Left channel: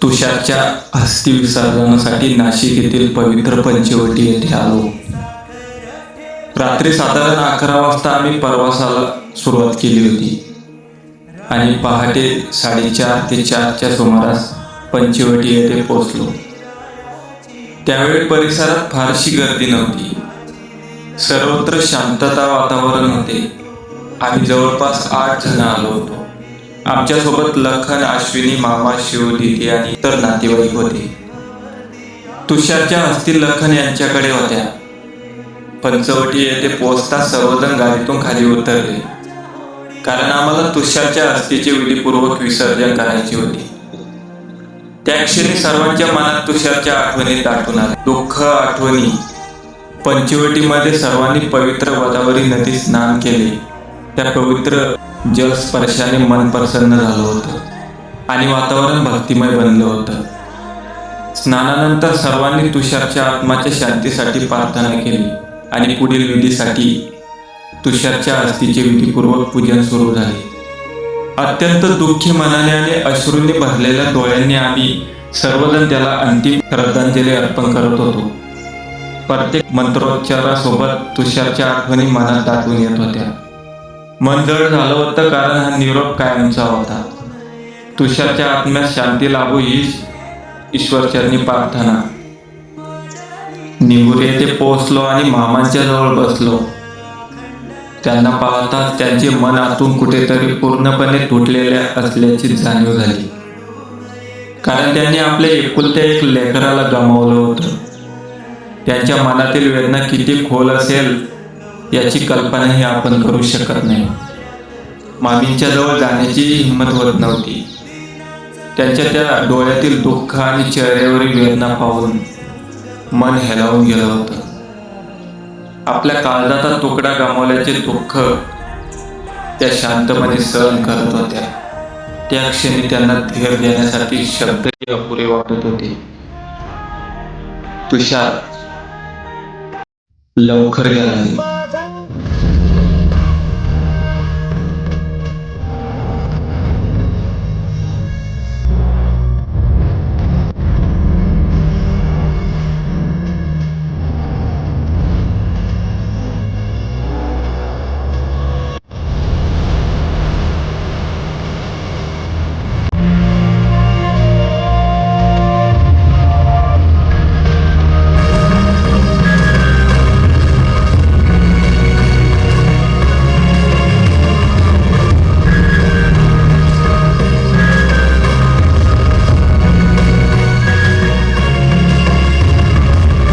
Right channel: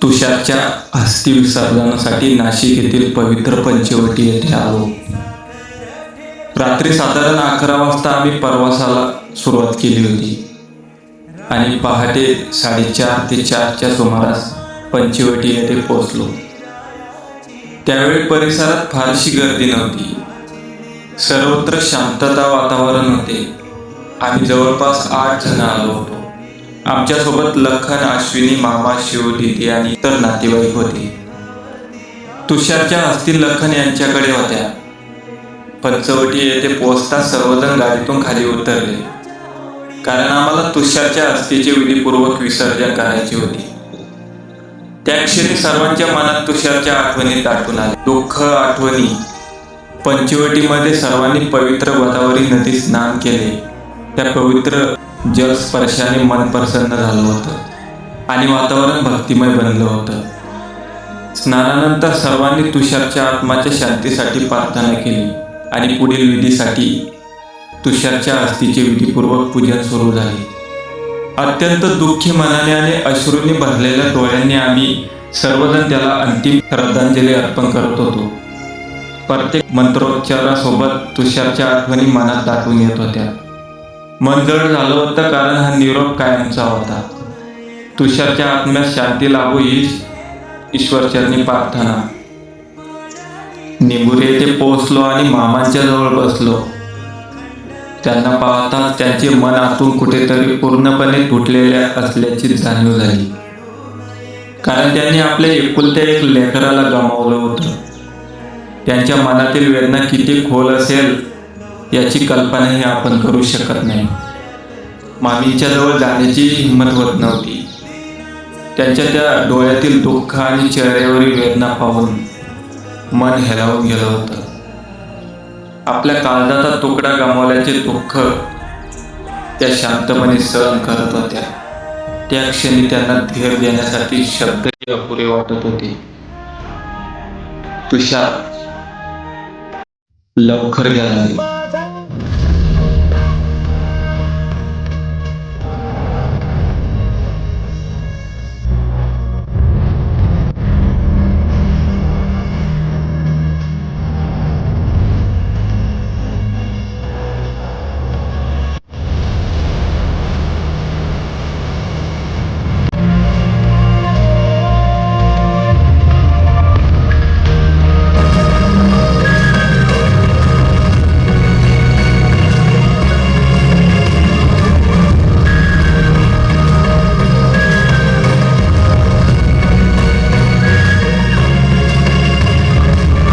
तुषारच्या अस्थि विसर्जनासाठी नाशिक येथील पवित्र पंचवटी येथे आलो. रात्री साधारण 11 वाजता आम्ही प्रवासाला सुरुवात केली होती आणि पहाटे 3:30 ते 4च्या सुमारास पंचवटी येथे पोहोचलो. त्यावेळी परिसरात फारशी गर्दी नव्हती. सर्वत्र शांतता वातावरण होते. आम्ही जवळपास 8 जण आलो होतो. आमच्यासोबत लखन, अश्विनी, मामा, शिव, दीदी आणि इतर नातेवाईक होते. तुषारच्या अस्थी लखन यांच्याकडे होत्या. पंचवटी येथे पोहोचताच सर्वजण गाडीतून खाली उतरले, कारण आम्हाला तुषारच्या अस्थीचे विधीपूर्वक विसर्जन करायचे होते. त्या क्षणी सर्वांच्या मनात तुषारच्या आठवणी दाटून आल्या. दुःख, आठवणी. पंचवटीमध्ये सर्वांनी पवित्र गोदावरी नदीत स्नान केले. त्या पवित्र जलस्पर्शाने मन प्रसन्न झालं होतं आणि वातावरण भक्तिमय बनलं होतं. स्नानानंतर सर्वांनी तुषारच्या आत्म्याच्या शांतीसाठी प्रार्थना केली आणि पुढील विधीसाठी तुषारच्या अस्थीचे विधीपूर्वक पूजन सुरू झाले. अत्यंत दुःखी मनाने आणि अश्रूंनी भरलेल्या डोळ्यांनी आम्ही सर्वजण त्याला अंतिम श्रद्धांजली अर्पण करत होतो. प्रत्येक मंत्रोच्चारासोबत तुषारच्या आठवणी मनात दाटून येत होत्या. मन जड झालं होतं, कारण हा निरोप कायमचा होता. तुषारच्या आत्म्यास शांती लाभो हीच ईश्वरचरणी प्रार्थना. निंबुरे येथे पोहोचलो आणि मामांच्या जवळ बसलो. त्यांना पाहताच त्यांचे मन आतून कुठेतरी पूर्णपणे तुटलेले असल्याची जाणीव झाली, कारण त्यांनी आपल्या एकुलत्या एक लेकराला गमावलं होतं. त्यांच्या मनातील वेदना किती खोल असेल याची कल्पनाही आपण करू शकत नाही. मामींच्या जवळ जाण्याची हिंमत होत नव्हती. त्यांच्या त्या डोळ्यातील दुःख आणि चेहऱ्यावरील वेदना पाहून मन हेलावून गेलं होतं. आपल्या काळजाचा तुकडा गमावल्याचे दुःख त्या शांतपणे सहन करत होत्या. त्या क्षणी त्यांना धीर देण्यासाठी शब्दही अपुरे वाटत होते. तुषार लवकर गेला.